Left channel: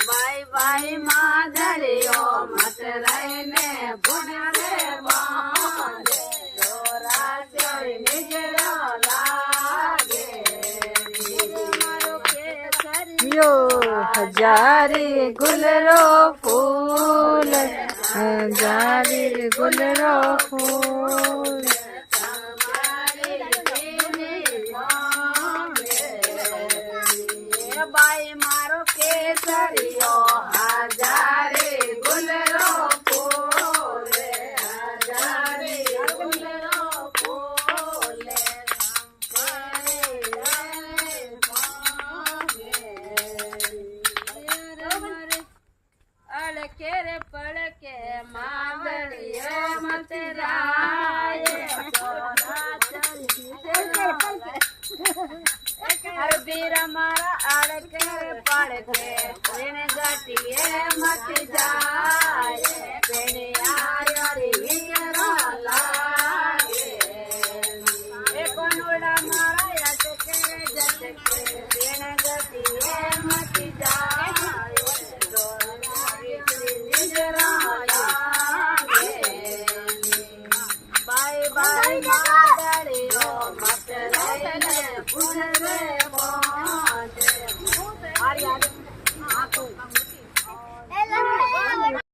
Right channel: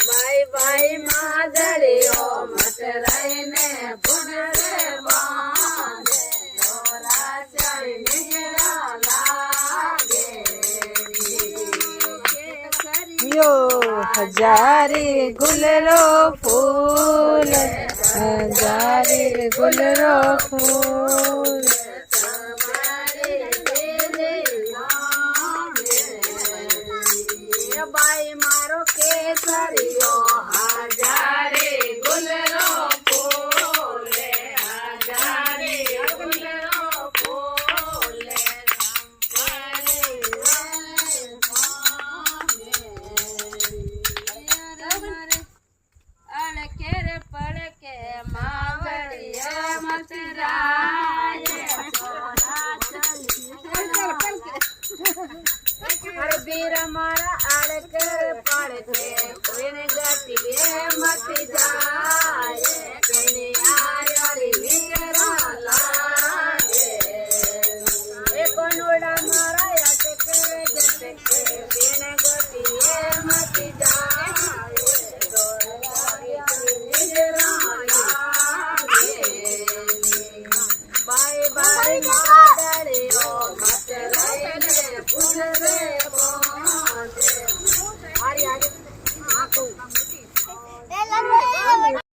ભાઈ ભાઈ માધરીઓ મટરાઈને પુણ્ય બાંધે દોરા ચડી નીકળ્યો લાગે હજારી ગુલરો ફૂલ હજારી ગુલરો ફૂલ બાઈ મારો કેસરિયો હજારે ગુલરો ફૂલે હજારે ગુલરો ફૂલે અડકે રે પડકે માંગડીએ મતરાય હરદીર મારા અડકે પડકે ગટીએ મત જાય